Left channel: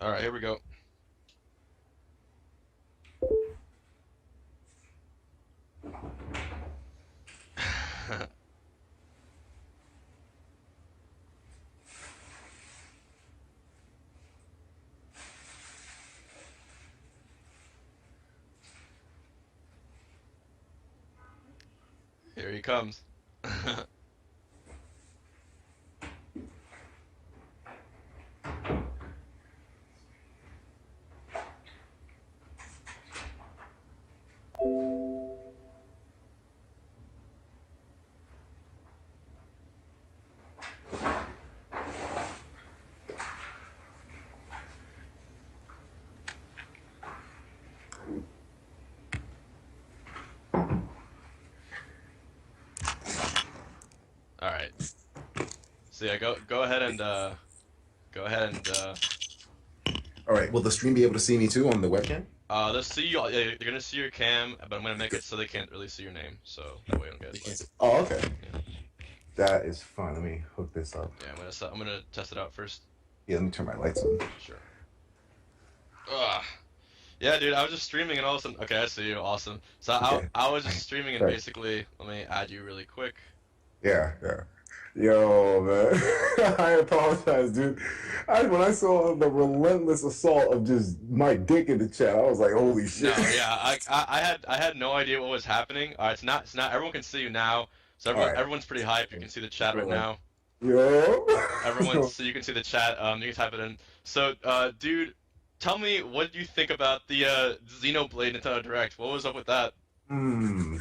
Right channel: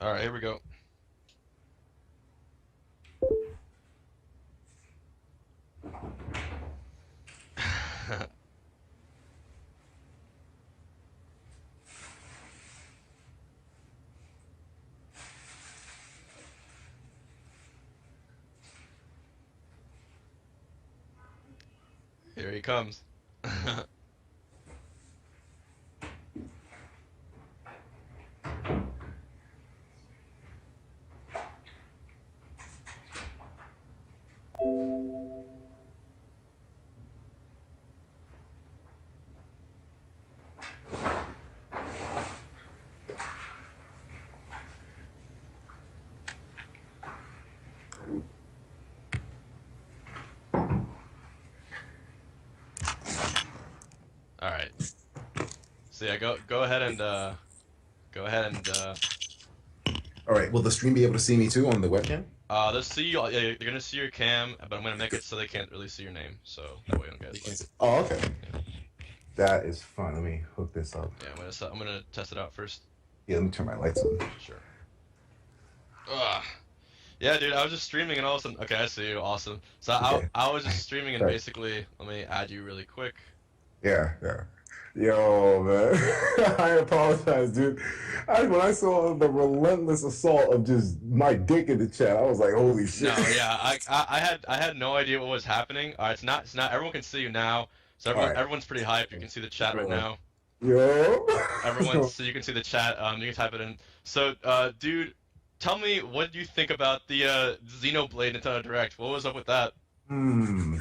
All right, here we go. Here he comes. All right. So yeah, go ahead and go ahead and All right. Will the stream be able to see me too on the webcam? they'll see you. Yeah, you're gonna see your cam, but I'm gonna make it so they can't really see your name, so that way you don't get like. Oh, okay. Yeah, That is fun. Let me hook this up. yeah. I'm gonna test it out first. Yeah, let me turn my lights on. Sure. Ugh. Yeah, dude. I was just streaming and all of a sudden. Okay, I see you. Awesome. So Okay. I was just streaming and Right. basically let me add you really quick. Yeah, yeah. Yo, man. I apologize, dude. When I saw the relentless assault of just my dick in the chat, I was like, holy shit. No, yeah. I had no idea what was happening. It's not. Everyone can see you now. So All right. everyone's pretty hyped. You can see the chat right now. Yo. So you can see the chat. You can type it in. So, dude, tell me what do you think about the Xenoblade Nintendo Direct? What was up with that?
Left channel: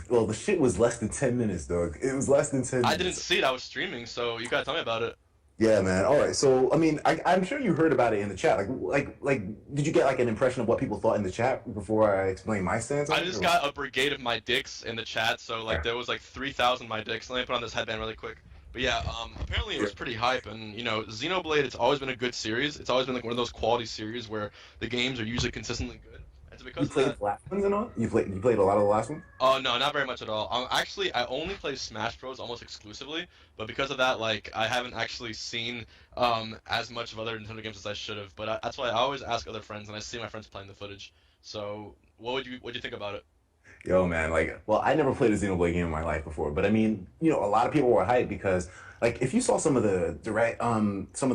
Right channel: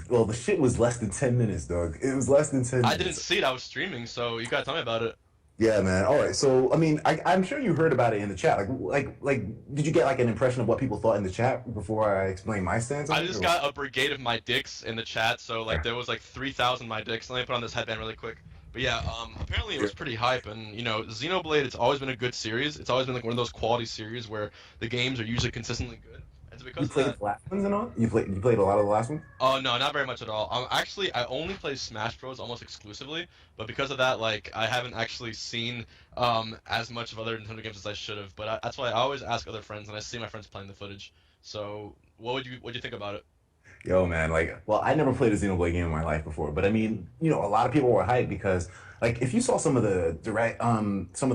Well, the shit was less than 10 minutes, dog. It was less than 10 I didn't minutes. see it. I was streaming, so you gotta tell me about it. Yeah, man. All right. So, I mean, I'm sure you heard about it in the chat. Did you get like an impression of what people thought in the chat before I explain my stance on I it? just Or- got a brigade of my dicks in the chat, so like there was like 3,000 my dicks. Let me put on this headband really quick. But yeah, apparently it Yeah. was pretty hype, and Xenoblade. It's always been a good series. It's always been like one of those quality series where the games are usually consistently good. And so You because of played that, the last ones and all? You played a lot of the last one? oh no, not very much at all. Actually, I only play Smash Bros. Almost exclusively, but because of that, like I haven't actually seen as much of other Nintendo games as I should have. But that's why I always ask other friends, and I see my friends playing the footage. So what do you think about it? Yo, man, well, I never played a Xenoblade game in my life before, but I mean, a lot of people were hyped because, like, if you saw some of the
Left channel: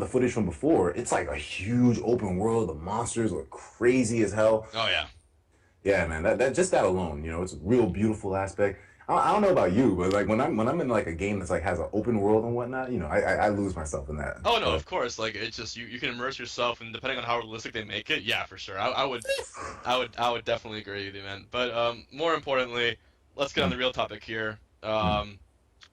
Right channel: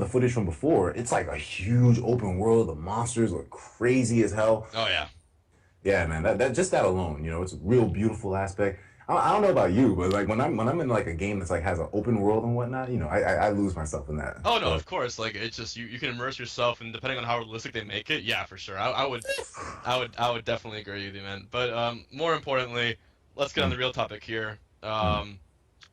footage from before, it's like a huge open world. The monsters look crazy as hell. Oh yeah. Yeah, man, that just that alone, it's a real beautiful aspect. I don't know about you, but like when I'm in like a game that's like has an open world and whatnot, I lose myself in that. Oh no, So, of course. Like it's just you can immerse yourself, and depending on how realistic they make it, yeah, for sure. I would definitely agree with you, man. But more importantly, let's get on mm, the real topic here. mm.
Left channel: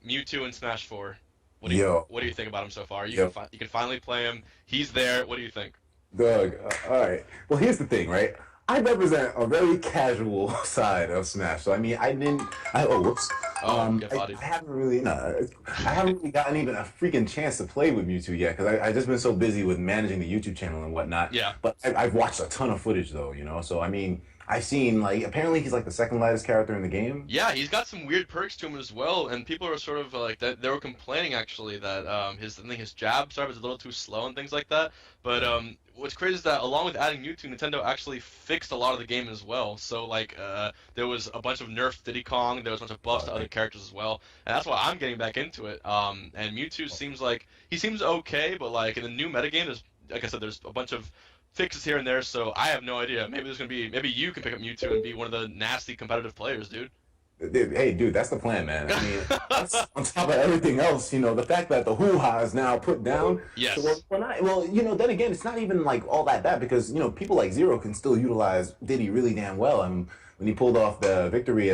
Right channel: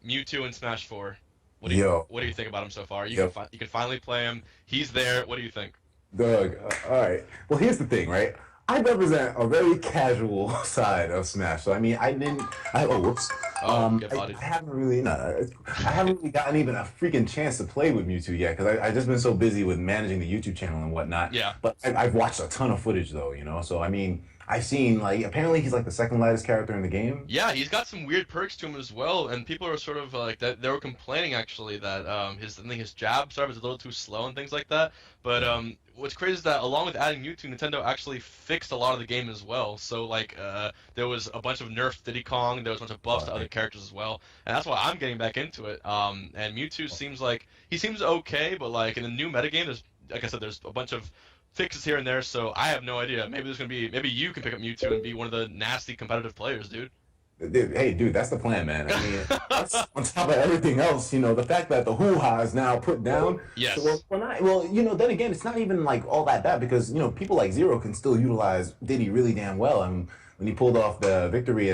Mewtwo and Smash 4. What do you Yo, what do you think about him so far? yo, You can finally play him. He's there. What do you think? Doug, all right. Well, here's the thing, right? I represent a very casual side of Smash. So I mean, whoops. Oh, get bodied. I haven't really, I haven't really gotten even a freaking chance to play with Mewtwo yet because I just been so busy with managing the YouTube channel and whatnot. Yeah. But I've watched a ton of footage though, So I mean, I've seen like apparently he's like the second lightest character in the game. Yeah, he's got some weird perks to him as well, and people are sort of like that. They were complaining actually that I think his jab start was a little too slow and things like that. But what's crazy is that along with adding Mewtwo, Nintendo actually fixed a lot of the game as well. So like there was a bunch of nerfs to Diddy Kong, there was a bunch of buffs to other Like, characters as well, and that's why I'm getting back into it. And Mewtwo seems like he seems okay, but like in the new metagame, there's like I said, there's a bunch of fixes here and there, so I have no idea. Maybe you can pick up Mewtwo and be one of the nasty competitive players, dude. dude, hey, dude, that's the plan, man. I mean, that's on top of everything else, the fact that the hoo-ha is now put down. So Yes. then again, it's not even like all that bad because people like Zero can still utilize Diddy really damn well. And when he pulled off the victory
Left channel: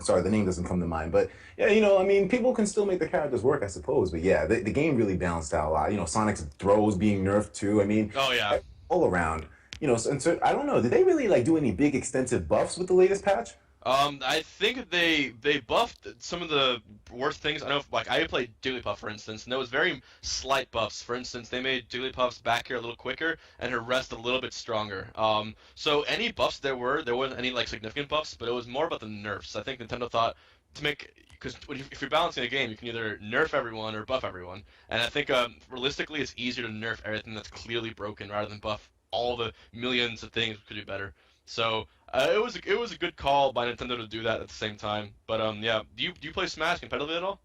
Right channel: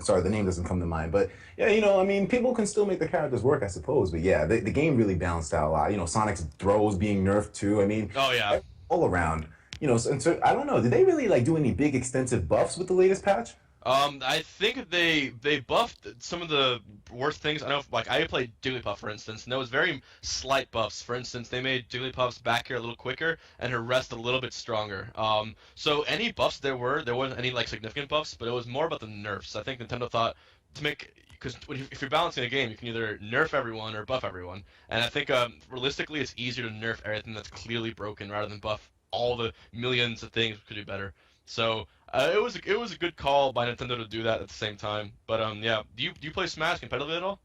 sorry, the name doesn't come to mind, but yeah, I mean, people can still make the characters work, I suppose. But yeah, the game really balanced out a lot. Sonic's throws being nerfed too. I mean, Oh yeah. all around. And so I don't know. Did they really like do any big extensive buffs with the latest patch? I think they buffed some of the worst things. I know, like I played Jigglypuff for instance, and there was very slight buffs. For instance, they made Jigglypuff's back here a little quicker and her rest a little bit stronger. So any buffs there wasn't any like significant buffs, but it was more about the nerfs. I think Nintendo thought to make because if you're balancing a game, you can either nerf everyone or buff everyone. And I think realistically, it's easier to nerf everything that's clearly broken rather than buff all the millions of things we could do better. So it was a good call by Nintendo to do that at the same time. But yeah, do you play Smash competitively at all?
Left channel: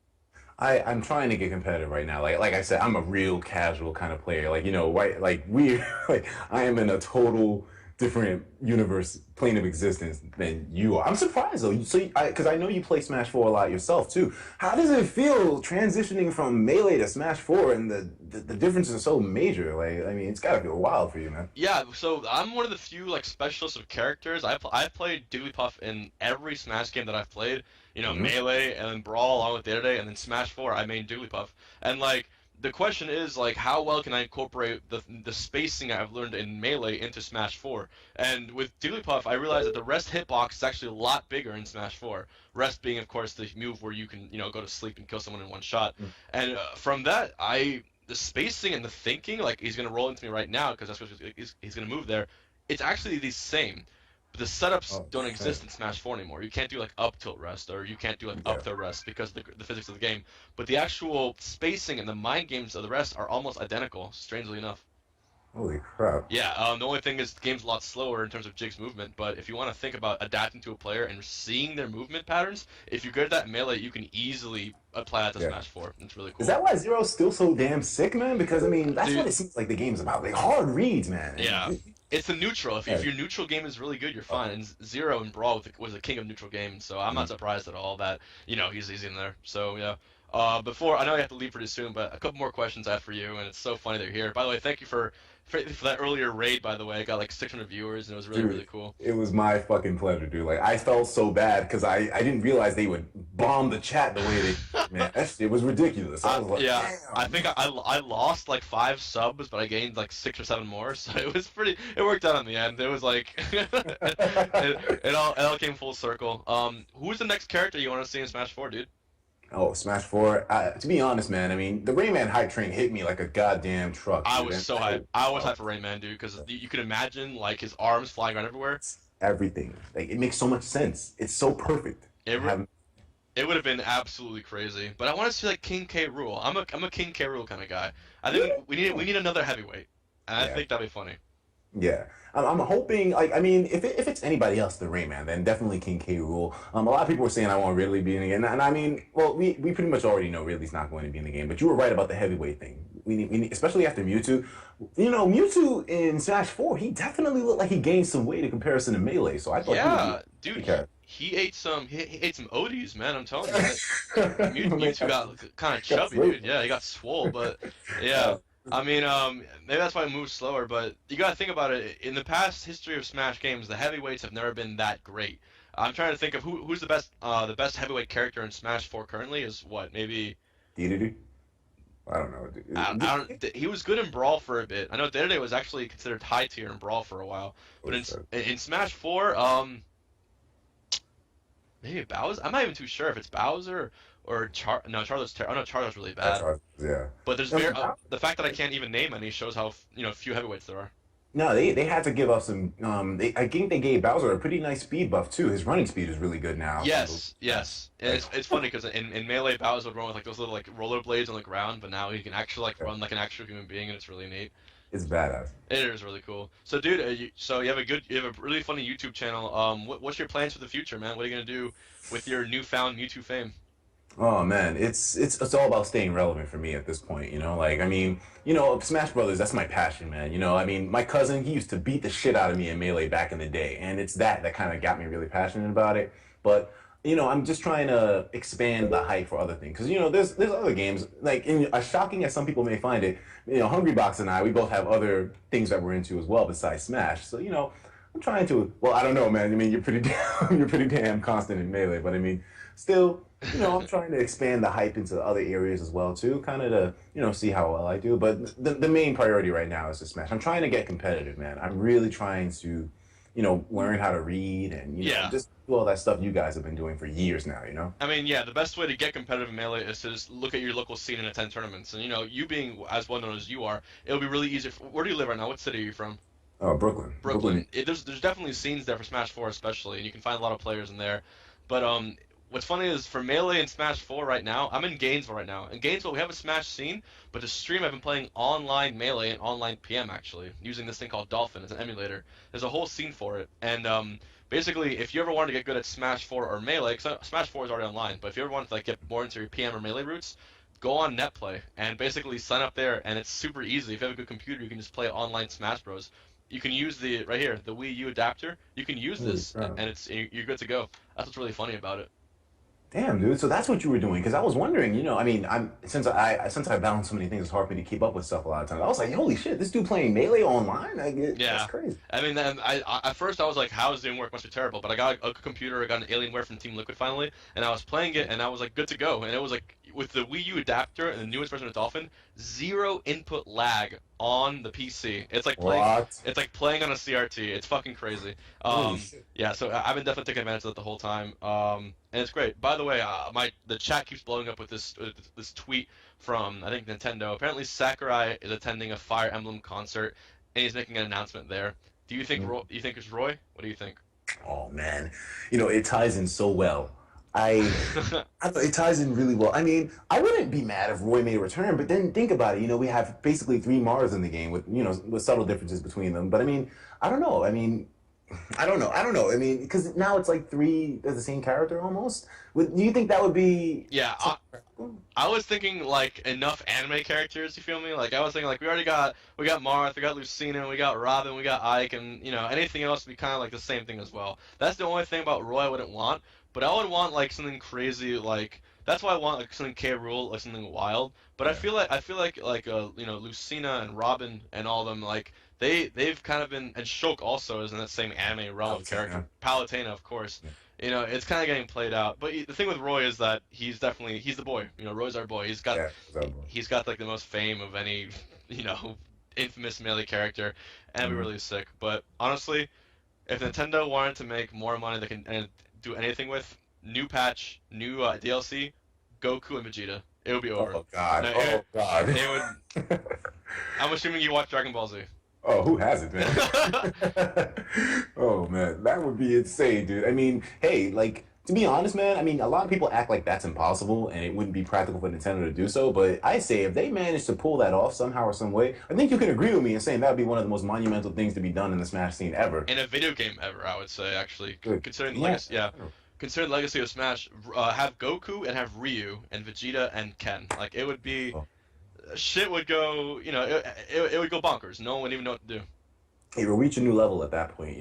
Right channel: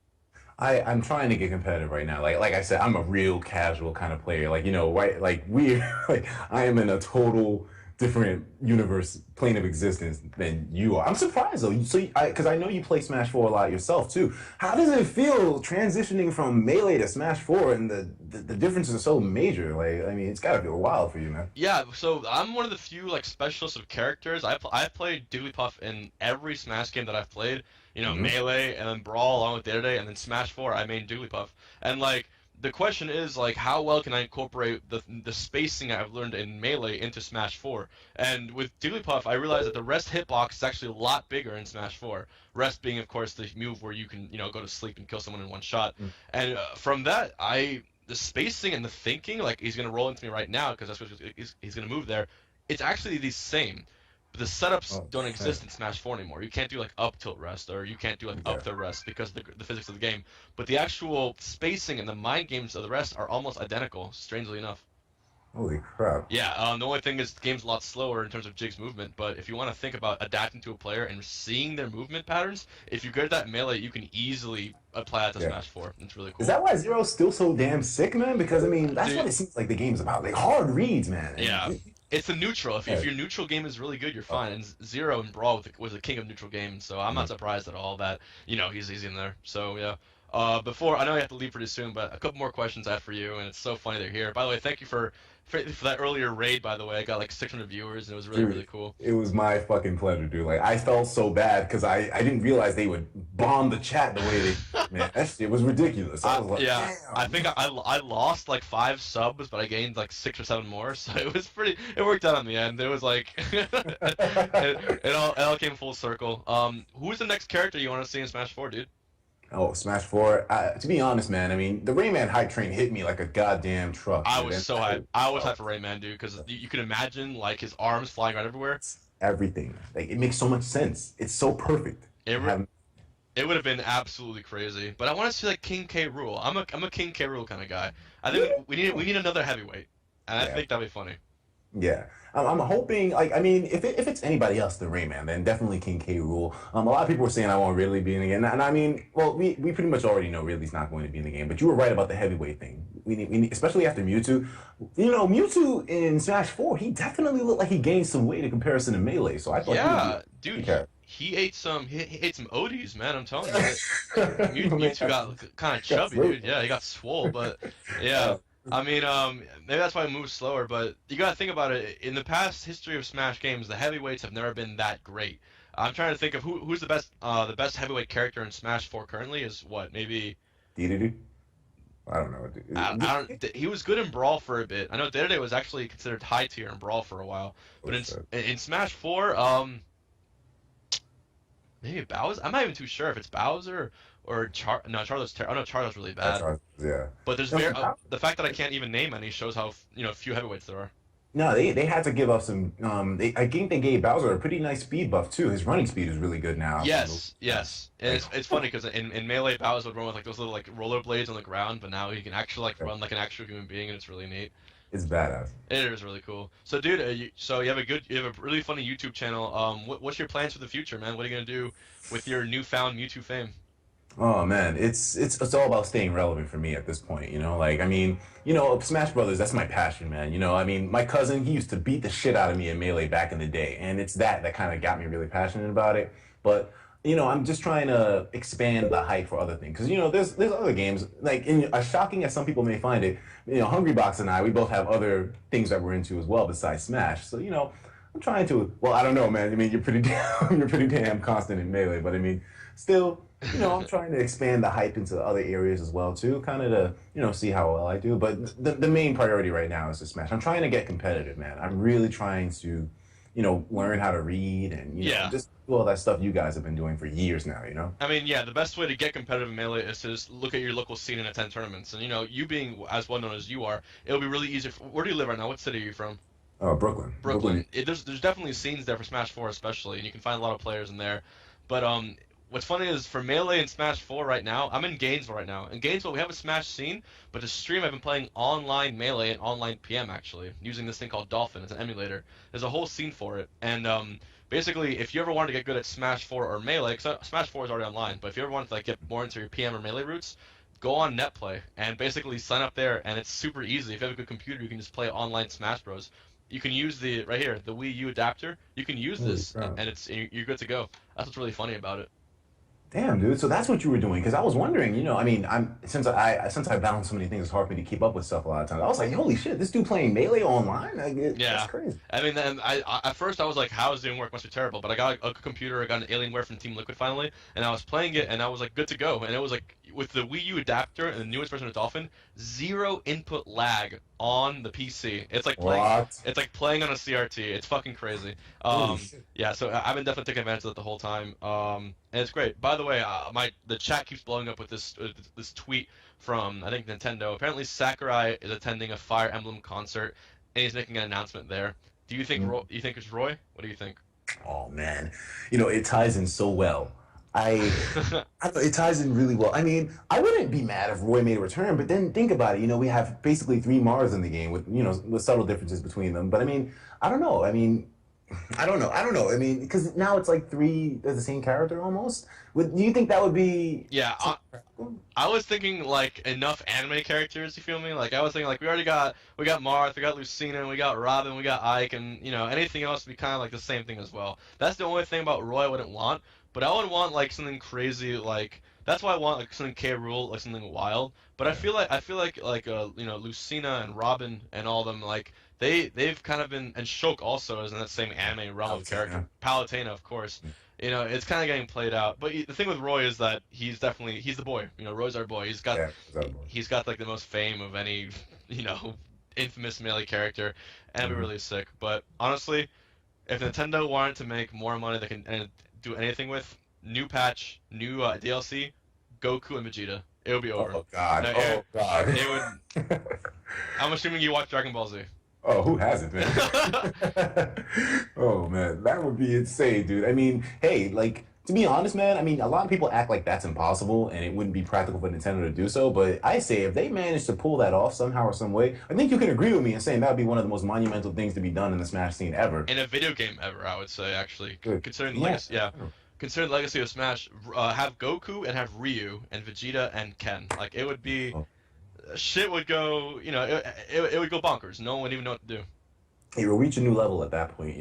I'm trying to get competitive right now. Like I said, I'm a real casual kind of player. Like right? Like we like I am in a total different universe plane of existence than you are. I'm surprised though. Because I know you play Smash 4 a lot yourself too. How does it feel transitioning from Melee to Smash 4 and the differences are so major? Like I mean, it's got to feel wild for you, man. Yeah, so I'm one of the few like specialists of characters. I've played Jigglypuff in every Smash game that I've played. Hmm. Melee and then Brawl along with Day-to-Day, and then Smash 4. I main Jigglypuff, and like the question is like how well can I incorporate the spacing I've learned in Melee into Smash 4? And with Jigglypuff, I realized that the rest hitbox is actually a lot bigger in Smash 4. Rest being, of course, the move where you can go to sleep and kill someone in one shot. And from that, the spacing and the thinking, like he's gonna roll into me right now because that's what he's gonna move there. It's actually the same, but the setups Oh, don't shit. exist in Smash 4 anymore. You can't do like up tilt rest or you can't do like Yeah. up tilt rest because of the physics of the game. But the actual spacing and the mind games of the rest are almost identical, strangely enough. Holy crap. Yeah, the only thing is the game's a lot slower in terms of Jig's movement, but if you want to think about adapting to a player and seeing their movement patterns, if you're good at that in Melee, you can easily apply that to Yeah. Smash 4. It's really Is cool. that why Zero's still so damn sick, man? Because I mean, that's what Dude, it seems like the game's about. Like hard reads, man. yeah. And It's the neutral. If yeah. your neutral game is really good, you're Oh, fine. And Zero in Brawl was the king of neutral games, so I'm not mhm. surprised at all that he's in there. So yeah. Before I know you have to leave pretty soon, but a couple more questions I have for you, and it's so funny that you're here. By the way, thank you for that earlier raid. By the way, I got like 600 viewers, and it was really Dude, really cool. it was my fucking pleasure, dude. Like I felt so bad because I didn't realize they would bomb the chat the way they man. That shit was ridiculous. I was like, Yeah, I damn. think I lost like 5 subs, but I gained like 6 or 7 more, so it was pretty. It worked out in the end. It was like it all came full circle. Who's the next character you want to see in Smash 4, dude? Oh, Smash 4. To be honest, man, I mean, the Rayman hype train hit me like a goddamn truck, I dude. was And so hyped. I was oh, hyped for Rayman, dude, because you can imagine like his arms flying around everywhere. it's everything. Like it makes so much sense. It's so perfect. It Having it would have been absolutely crazy. But I want to see like King K. Rule. I'm a King K. Rule kind of guy. I think yeah, we need another heavyweight, and I yeah. think that'd be funny. Yeah, I'm hoping. Like, I mean, if it's anybody else than Rayman, then definitely King K. Rule. A lot of people were saying I want Ridley be in the game, and I mean, well, we pretty much already know Ridley's not going to be in the game. But you were right about the heavyweight thing. We need, especially after Mewtwo. Mewtwo in Smash 4, he definitely looked like he gained some weight in comparison to Melee. So I thought he would be Yeah, dude, a he ate he ate some Odies, man. I'm telling you. Man, Mewtwo got kind of got chubby, through. dude. Yeah, he got swole, but yeah. Uh, I mean, maybe that's why it moves slower, but you gotta think about it. In the past history of Smash games, the heavyweights have never been that great. I'm trying to think of who's the best heavyweight character in Smash 4 currently is what? Maybe Dedede? I don't know. I don't. He was good in Brawl for a bit. I know Day-to-Day was actually considered high tier in Brawl for a while, Oh but shit. in Smash 4, maybe Bowser. I'm not even too sure if it's Bowser or No, oh no, Charlo's really That's bad. right. Yeah. But there's No, the fact that I can't even name any shows how few heavyweights there are. no, they had to give up some. I think they gave Bowser a pretty nice speed buff too. His running speed is really good now. Yes, yes. And Like, it's funny because in Melee, Bowser would run with like those little like rollerblades on the ground, but now he can actually like yeah, run like an actual human being, and it's really neat. it's badass. It is really cool. So, dude, so you have a really funny YouTube channel. What's your plans for the future, man? What are you gonna do with your newfound Mewtwo fame? Oh man, it's all about staying relevant for me at this point. Like I mean, Smash Brothers. That's my passion, man. I mean, my cousin he used to beat the shit out of me in Melee back in the day, and it's that kind of got me really passionate about it. But I'm just trying to expand the hype for other things because there's other games like as shocking as some people may find it. Hungrybox and I we both have other things that we're into as well besides Smash. So I'm trying to. Well, I don't know, man. I mean, you're pretty damn you're pretty damn constant in Melee, but I mean, still. I'm trying to expand the hype into other areas as well too, kind of to see how well I do. But the main priority right now is to Smash. I'm trying to get competitive, man. I'm really trying to, learn how to read and Yeah. just do all that stuff you guys have been doing for years now. I mean, yeah, the best way to get competitive in Melee is to just look at your local scene and attend tournaments. And you being as well known as you are, it'll be really easy. Where do you live right now? What city are you from? Oh, Brooklyn, Brooklyn. Brooklyn. There's definitely scenes there for Smash 4 especially, and you can find a lot of players in there. But what's funny is for Melee and Smash 4 right now, I'm in Gainesville right now. In Gainesville, we have a Smash scene, but to stream, I've been playing online Melee and online PM actually, using this thing called Dolphin. It's an emulator. There's a whole scene for it, and basically, if you ever wanted to get good at Smash 4 or Melee, because Smash 4 is already online, but if you ever wanted to like get more into your PM or Melee roots, go on NetPlay and basically sign up there, and it's super easy. If you have a good computer, you can just play online Smash Bros. You can use the right here, the Wii U adapter. You can use Holy this, crap. and you're good to go. That's what's really funny about it. Damn, dude. So that's what you were doing. Because I was wondering, I mean, since I balance so many things, it's hard for me to keep up with stuff a lot of times. I was like, holy shit, this dude playing Melee online? That's Yeah. crazy. I mean, then at first I was like, how is doing work? Must be terrible. But I got a computer, I got an Alienware from Team Liquid finally, and I was playing it, and I was like, good to go. And it was like, with the Wii U adapter and the newest version of Dolphin, zero input lag on the PC. What? It's like playing on a CRT. It's fucking crazy. Holy shit. Yeah. So I've been definitely taking advantage of it the whole time. And it's great. By the way, the chat keeps blowing up with this tweet from I think Nintendo. Apparently Sakurai is attending a Fire Emblem concert, and he's making an announcement there. Do you think you think it's Roy? What do you think? Oh man, it ties in so well. I, I thought it ties in really well. I mean, I wouldn't be mad if Roy made a return, but then think about it. We have basically three Mars in the game with with subtle differences between them. But I mean, I don't know. I mean, I don't know. I don't know. I mean, because now it's like three of the same character almost. Do you think that would be? Yeah, I was thinking like enough anime characters. You feel me? Like I was thinking like we got Marth, we got Lucina, we got Robin, we got Ike, and anything else would be kind of like the same thing as well. That's the only thing about Roy I wouldn't want. But I would want like something crazy like that's why I want like something K. Rool, like something wild. But Yeah. I feel like Lucina and Robin and all of them like they've kind of been and Shulk also is in that same anime realm of character. Palutena. Palutena, of course. Yeah. It's kind of getting played out. But the thing with Roy is that he's the boy. Roy's our boy. Yeah. Exactly. He's got like the most fame of any infamous melee character, and it'd be Mhm. really sick. But honestly, if Nintendo wanted to make more money, they can and do anything with new patch, new DLC, Goku and Vegeta. It would be over. Oh God. No, Oh God. it would. I'm assuming you watch Dragon Ball Z. Oh, who hasn't, man? Oh man, that would be insane, dude. I mean, hey, like to be honest, man, I mean, a lot of people act like that's impossible and it wouldn't be practical for Nintendo to do so, but I say if they manage to pull that off somehow or some way, I think you can agree with me in saying that would be one of the most monumental things to be done in the Smash scene ever. In a video game ever, I would say actually, Good. considering the Yeah. legacy. Yeah, considering the legacy of Smash, have Goku and have Ryu and Vegeta and Ken. Like it would be, Oh. shit would go. It would go bonkers. No one would even know what to do. It will reach a new level at that point.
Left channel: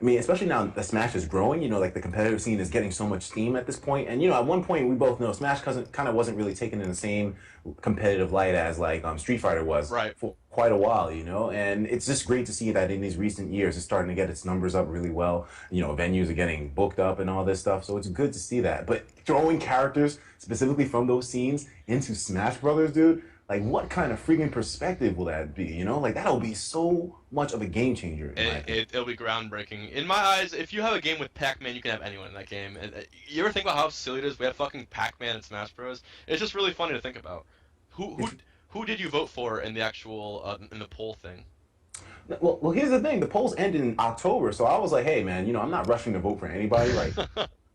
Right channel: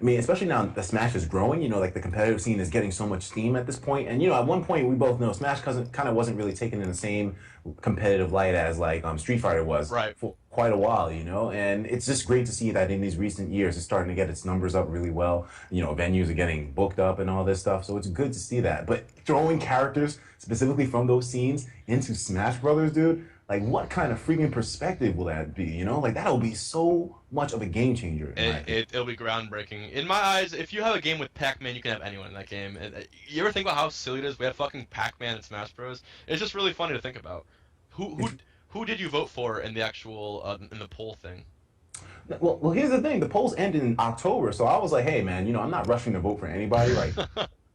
I mean, especially now that Smash is growing, like the competitive scene is getting so much steam at this point. And at one point we both know Smash kind of wasn't really taken in the same competitive light as like Street Fighter was Right. for quite a while. And it's just great to see that in these recent years it's starting to get its numbers up really well. Venues are getting booked up and all this stuff. So it's good to see that. But throwing characters specifically from those scenes into Smash Brothers, dude, like, what kind of freaking perspective will that be? Like, that'll be so much of a game changer. In my opinion. It'll be groundbreaking. In my eyes, if you have a game with Pac-Man, you can have anyone in that game. And you ever think about how silly it is? We have fucking Pac-Man in Smash Bros. It's just really funny to think about. Who did you vote for in the actual in the poll thing? Well, here's the thing. The polls end in October, so I was like, hey, man, I'm not rushing to vote for anybody. Like,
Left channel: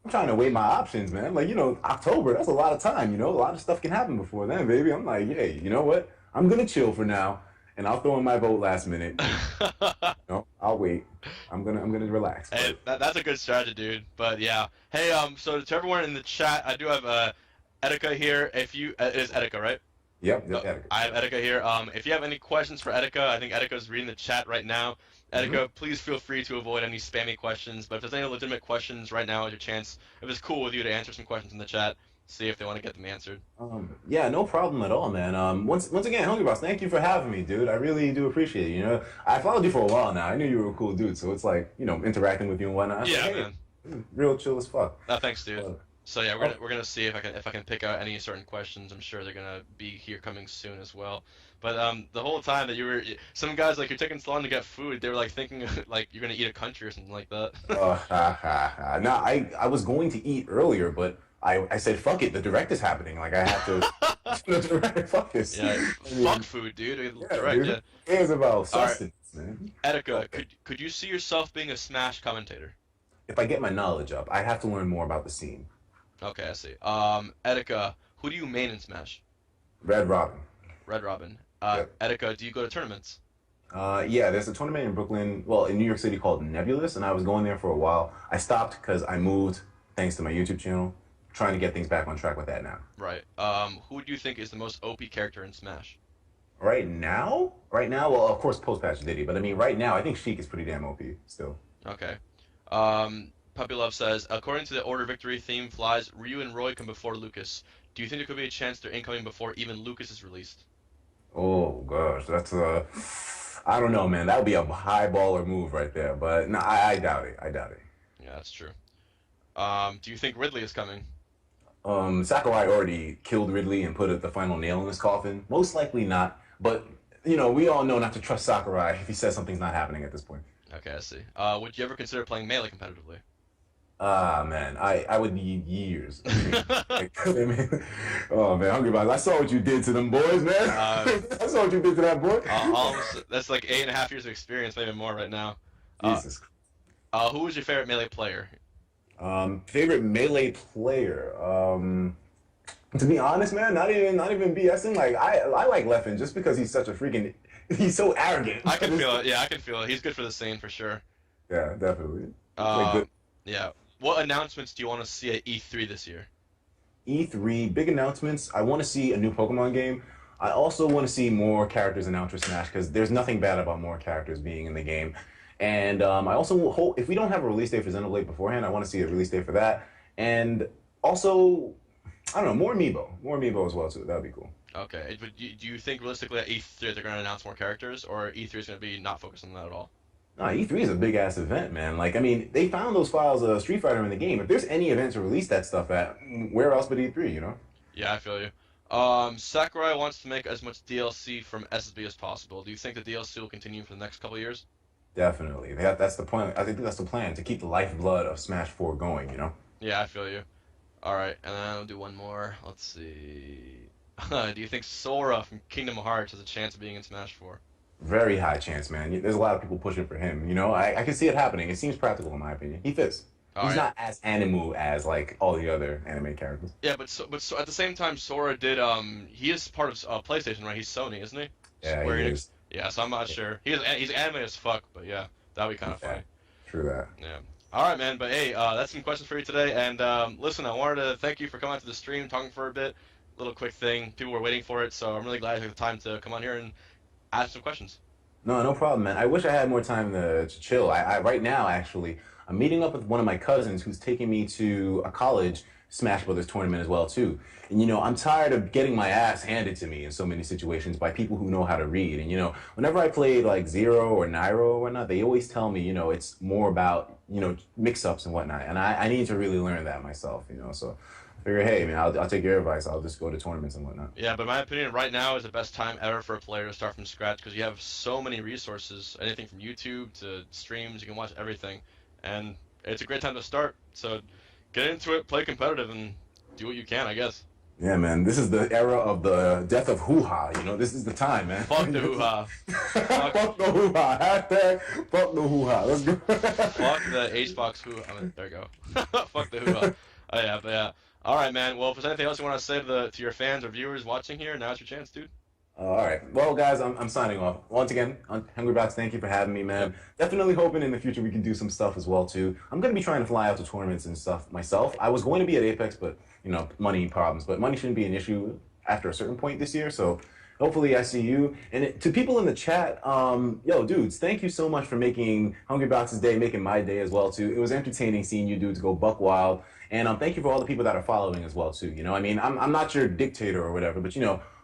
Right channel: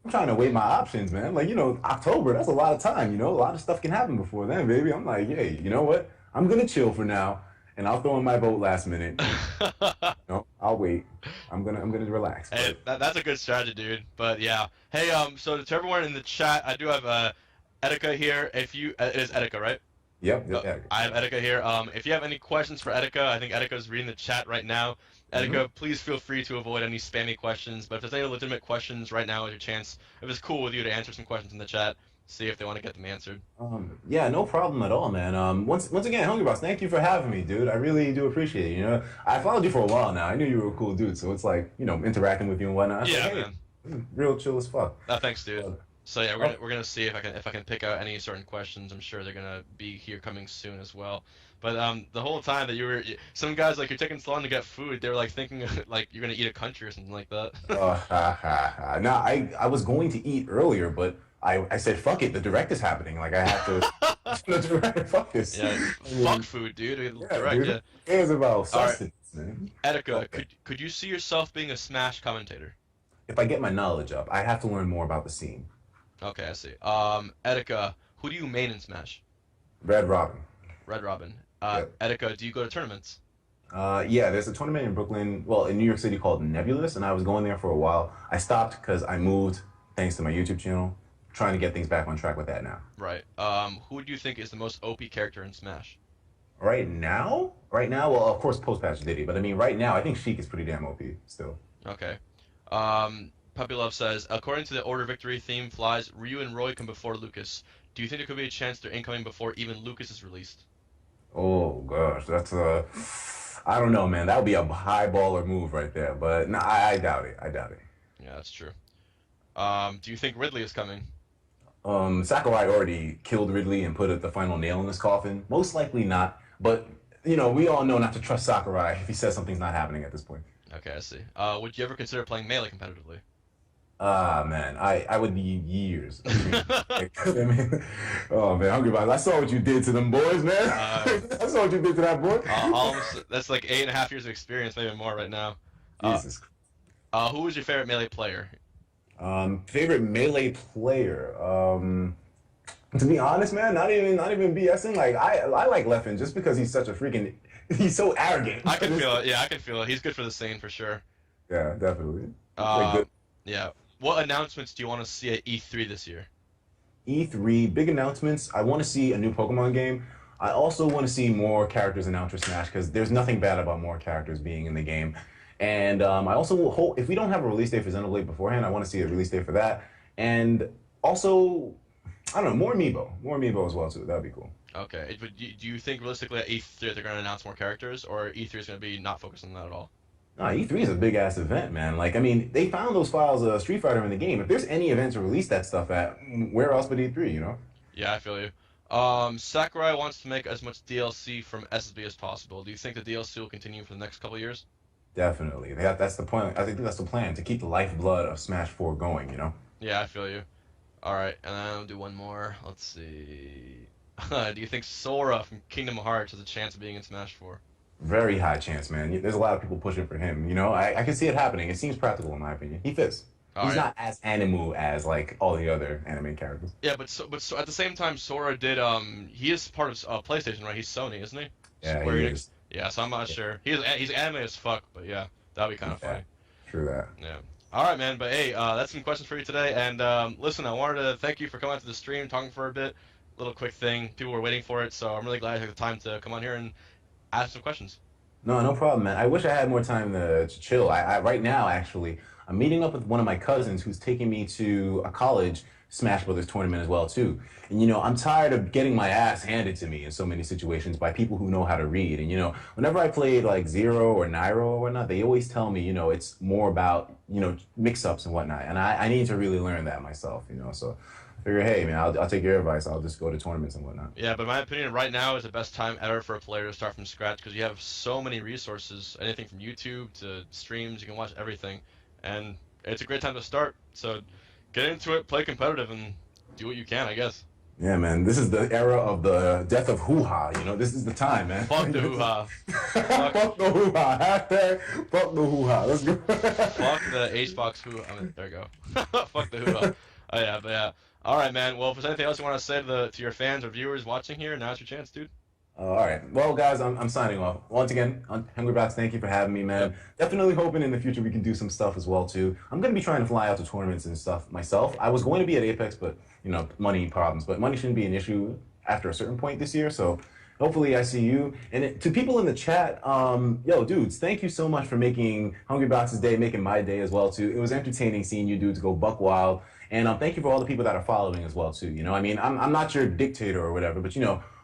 I'm trying to weigh my options, man. Like, October, that's a lot of time, A lot of stuff can happen before then, baby. I'm like, hey, you know what? I'm going to chill for now, and I'll throw in my vote last minute. I'll wait. I'm gonna relax. Hey, that's a good strategy, dude. But yeah. Hey, so to everyone in the chat, I do have Etika here. If you it is Etika, right? Yep. Yeah. I have Etika here. If you have any questions for Etika, I think Etika's reading the chat right now. Etika, please feel free to avoid any spammy questions. But if there's any legitimate questions right now, is your chance. If it's cool with you to answer some questions in the chat, see if they want to get them answered. Yeah, no problem at all, man. Once again, Hungrybox, thank you for having me, dude. I really do appreciate it. I followed you for a while now. I knew you were a cool dude, so it's like, interacting with you and whatnot. Yeah, like, hey, man. real chill as fuck. No, thanks, dude. So yeah, we're gonna see if I can pick out any certain questions. I'm sure they're gonna be here coming soon as well. But the whole time that some guys like you're taking so long to get food, they were like thinking like you're gonna eat a country or something like that. No, I was going to eat earlier, but I said fuck it. The direct is happening. Like I have to. The direct, fuck this. Yeah, fuck food, dude. Direct, dude. yeah. Who cares about sustenance, man? Etika, Okay. could you see yourself being a Smash commentator? If I get my knowledge up, I have to learn more about the scene. Okay, I see. Etika, who do you main in Smash? Red Robin. Red Robin. Yeah. Etika, do you go to tournaments? Yeah, there's a tournament in Brooklyn, well, in New York City called Nebulous, and I was going there for a while. I stopped because I moved, thanks to my YouTube channel, trying to get things back on track with that now. Right. Who do you think is the most OP character in Smash? Right now, well, of course, post patch Diddy, but I mean, right now, I think Sheik is pretty damn OP still. Okay. Puppy Love says, according to the Order Victory theme flies, Ryu and Roy come before Lucas. Do you think there could be a chance they're incoming before even Lucas is released? Oh gosh, that's a, I don't know, man. That would be a high baller move right there, but no, I doubt it. I doubt it. Yeah, that's true. Do you think Ridley is coming? Sakurai already killed Ridley and put the final nail in his coffin. Most likely not, but we all know not to trust Sakurai if he says something's not happening at this point. Okay, I see. Would you ever consider playing Melee competitively? Ah man, I would need years of training. I mean, oh man, Hungrybox, I saw what you did to them boys, man. I saw what you did to that boy. Almost, that's like 8.5 years of experience, maybe more right now. Uh, Jesus. who was your favorite Melee player? Favorite melee player. To be honest, man, not even BSing. Like I like Leffen just because he's such a freaking he's so arrogant. I can feel it. Yeah, I can feel it. He's good for the scene for sure. Yeah, definitely. Like Um, good yeah. What announcements do you want to see at E3 this year? E3 big announcements. I want to see a new Pokemon game. I also want to see more characters in Ultra Smash because there's nothing bad about more characters being in the game. And I also will hope if we don't have a release date for Xenoblade beforehand, I want to see a release date for that. And also, I don't know, more amiibo as well too. That'd be cool. Okay. But do you think realistically at E3 they're going to announce more characters, or E3 is going to be not focused on that at all? Nah, E3 is a big ass event, man. Like, I mean, they found those files of Street Fighter in the game. If there's any event to release that stuff at, where else but E3, you know? Yeah, I feel you. Sakurai wants to make as much DLC from SSB as possible. Do you think the DLC will continue for the next couple of years? Definitely. That's the point. I think that's the plan to keep the lifeblood of Smash 4 going, you know? Yeah, I feel you. All right, and then I'll do one more. Let's see. Do you think Sora from Kingdom Hearts has a chance of being in Smash 4? Very high chance, man. There's a lot of people pushing for him, you know? I can see it happening. It seems practical, in my opinion. He fits. All He's right. not as animu as, like, all the other anime characters. Yeah, but at the same time, Sora did he is part of PlayStation, right? He's Sony, isn't he? Yeah, Square he Enix. is. Yeah, so I'm not sure. He's anime as fuck, but yeah, that'd be kind of Yeah, funny. true that. Yeah. All right, man. But hey, that's some questions for you today. And listen, I wanted to thank you for coming out to the stream, talking for a bit. Little quick thing. People were waiting for it, so I'm really glad I took the time to come on here and ask some questions. No, no problem, man. I wish I had more time to chill. Right now, actually, I'm meeting up with one of my cousins who's taking me to a college Smash Brothers tournament as well, too. And I'm tired of getting my ass handed to me in so many situations by people who know how to read. And whenever I played like Zero or Nairo or whatnot, they always tell me, it's more about mix-ups and whatnot. And I need to really learn that myself. So I figure, hey, man, I'll take your advice. I'll just go to tournaments and whatnot. Yeah, but my opinion, right now is the best time ever for a player to start from scratch because you have so many resources, anything from YouTube to streams, you can watch everything, and it's a great time to start. So get into it, play competitive, and do what you can, I guess. Yeah, man, this is the era of the death of hoo-ha. This is the time, man. Fuck the hoo-ha. Fuck the hoo-ha. Hashtag fuck the hoo-ha. Let's go. Fuck the HBox hoo-ha. I mean, there you go. Fuck the hoo-ha. Oh, yeah, but yeah. All right, man. Well, if there's anything else you want to say to your fans or viewers watching here, now's your chance, dude. All right. Well, guys, I'm signing off. Once again, Hungrybox, thank you for having me, man. Yep. Definitely hoping in the future we can do some stuff as well, too. I'm going to be trying to fly out to tournaments and stuff myself. I was going to be at Apex, but, money problems. But money shouldn't be an issue after a certain point this year, so hopefully I see you. And to people in the chat, yo, dudes, thank you so much for making Hungrybox's day, making my day as well, too. It was entertaining seeing you dudes go buck wild. And thank you for all the people that are following as well, too. I'm not your dictator or whatever, but,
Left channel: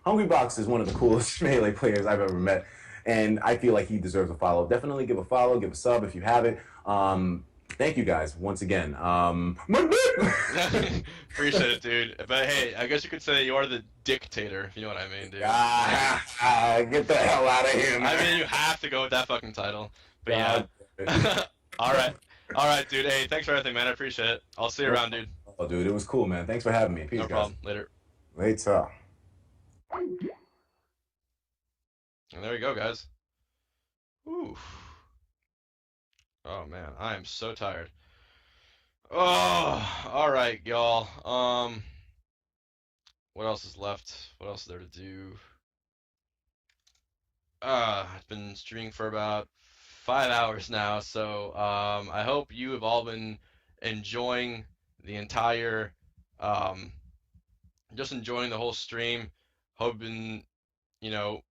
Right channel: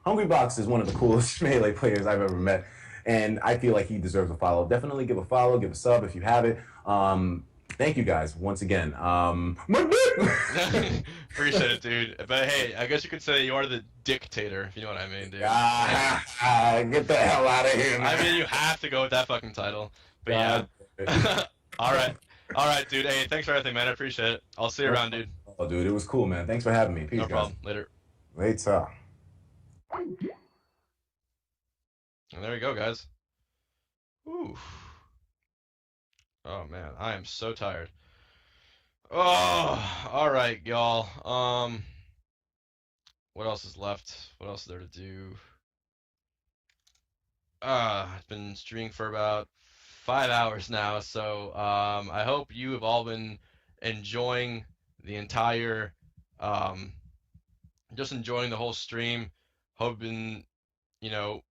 Hungrybox is one of the coolest Melee players I've ever met, and I feel like he deserves a follow. Definitely give a follow, give a sub if you have it. Thank you guys once again. My dick! Appreciate it, dude. But hey, I guess you could say you are the dictator, if you know what I mean, dude. Get the hell out of here, man. I mean, you have to go with that fucking title. But yeah. God. All right. All right, dude. Hey, thanks for everything, man. I appreciate it. I'll see you around, dude. Oh, dude, it was cool, man. Thanks for having me. Peace, No guys. problem. Later. Later. And there you go, guys. Ooh. Oh man, I am so tired. Oh, all right, y'all. What else is left? What else is there to do? I've been streaming for about 5 hours now, so I hope you have all been enjoying the entire, um, just enjoying the whole stream. Hoping, you know,